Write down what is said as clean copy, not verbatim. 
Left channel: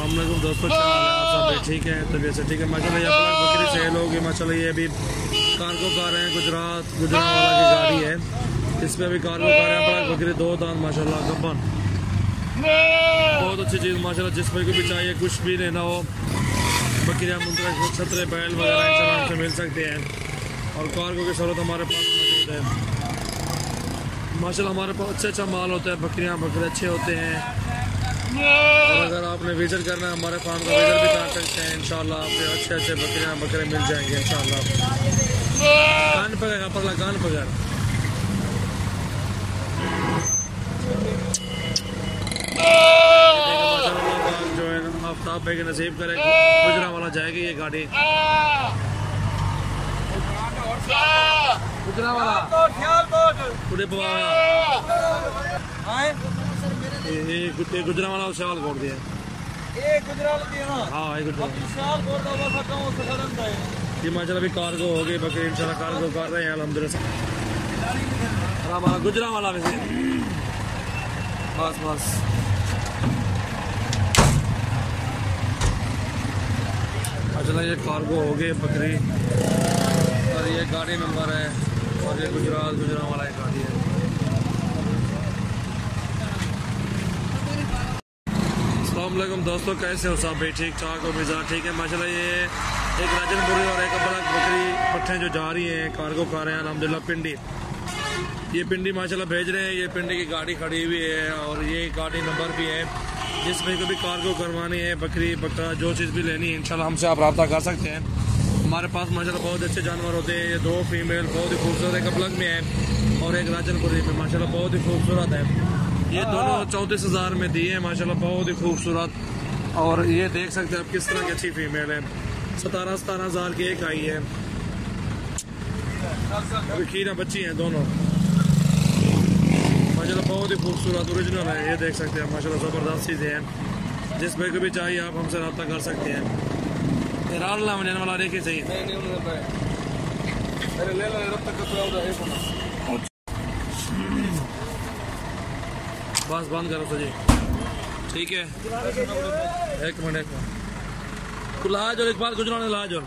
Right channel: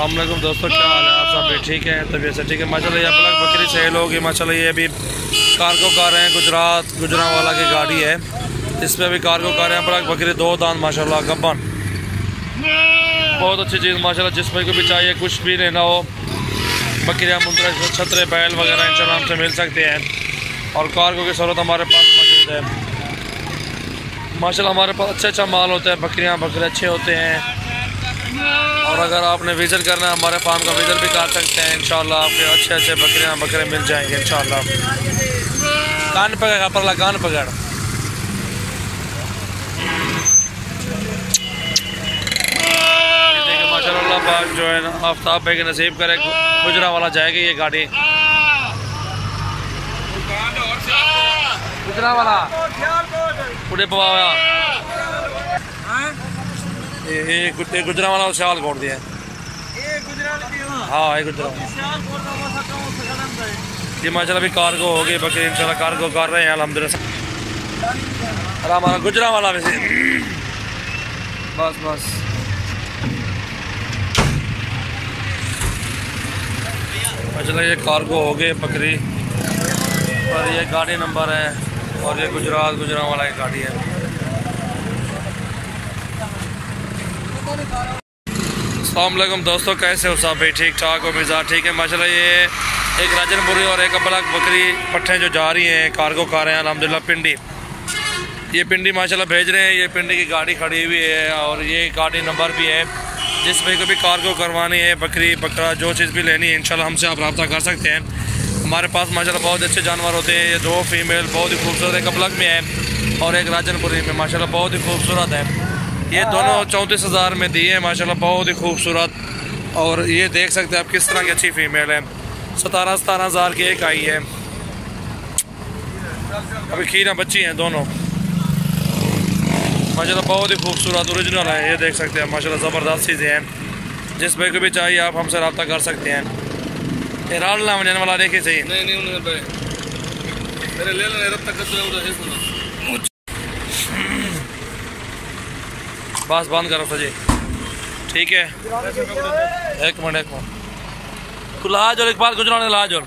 अस्सलाम वालेकुम दोस्तों, क्या हाल है? आप सब भी ठीक है? तबीयत से ठीक है माशाल्लाह। ये पलक बकरी सेल होगी माशाल्लाह। ये अभी कार्गो कार हैं, गुजरांवाला की गाड़ी है। इस पर अभी कार्गो कार हैं, पलक बकरी 2 दांत माशाल्लाह गब्बन। बहुत अच्छी चीज़ माशाल्लाह। जिस पर को भी चाहिए कुछ भी लेना हो, बकरियाँ मुंतरा छतरे बैल वगैरह इंशाल्लाह हमसे मिल सकते हैं। और कार्गो की सहूलत हमारे पास मौजूद है माशाल्लाह। हमारे पास अच्छा माल होता है, बकरे अच्छे होते हैं। और अगर आपने विज़िट करना है हमारे फार्म का, विज़िट भी कर सकते हैं इंशाल्लाह। आपके अच्छे बकरे मिल जाएंगे इंशाल्लाह। कान पकड़ परला, कान पकड़। ये देखिए माशाल्लाह पाक जो है ना, आफ्ताब भाई के नसीब करे गुजरांवाला जाएगी ये गाड़ी। गुजरांवाला उड़े पवाया ये गुजरांवाला सियालकोट दिया। हाँ ये गुजरांवाला ये माशाल्लाह भी कार्गो हो गई बकरी इंशाल्लाह। कार्गो कर रहे हैं अल्हम्दुलिल्लाह। और हमारा गुजरांवाला में से बस माशाल्लाह ये कार्गो हो गए बकरी। और ये गाड़ी नंबर है और ये गुजरांवाला की गाड़ी है। अस्सलाम वालेकुम दोस्तों, कैसे हो सब भाई? ठीक ठाक हो? मिजाज ठीक है माशाल्लाह। ये एक राजनपुरी और एक बलक बकरी पट्ठे जो जा रही हैं कार्गो कार हैं अल्हम्दुलिल्लाह पिंडी। ये पिंडी माशाल्लाह भेज रहे हैं। ये पिंडी की गाड़ी खड़ी हुई है और ये गाड़ी नंबर भी है। जिस भाई को भी कार्गो करवानी है, बकरी बकरा जो चीज़ भी लेनी है इंशाल्लाह हमसे आप रब्ता कर सकते हैं। हमारे पास माशाल्लाह बहुत अच्छे जानवर होते हैं। ये 2 फीमेल बहुत ही खूबसूरत, एक बलक में है और एक राजनपुरी में माशाल्लाह बहुत ही खूबसूरत है। ये दोनों 34,000 में दिए हैं माशाल्लाह, बहुत ही खूबसूरत। और ये देख सकते हैं आप किस तरह की अच्छी फीमेल है। 17,000 की एक आई है। अभी खीरा बच्ची हैं दोनों माशाल्लाह, बहुत ही खूबसूरत ओरिजिनल है। ये देख सकते हैं माशाल्लाह, ज़बरदस्त चीज़ें हैं। जिस भाई को भी चाहिए आप हमसे रब्ता कर सकते हैं। ये रालना वजन वाला देखिए सही बस बंद करो सजी, ठीक है? एक मिनट लाज और इकबाल गुजरान लाज और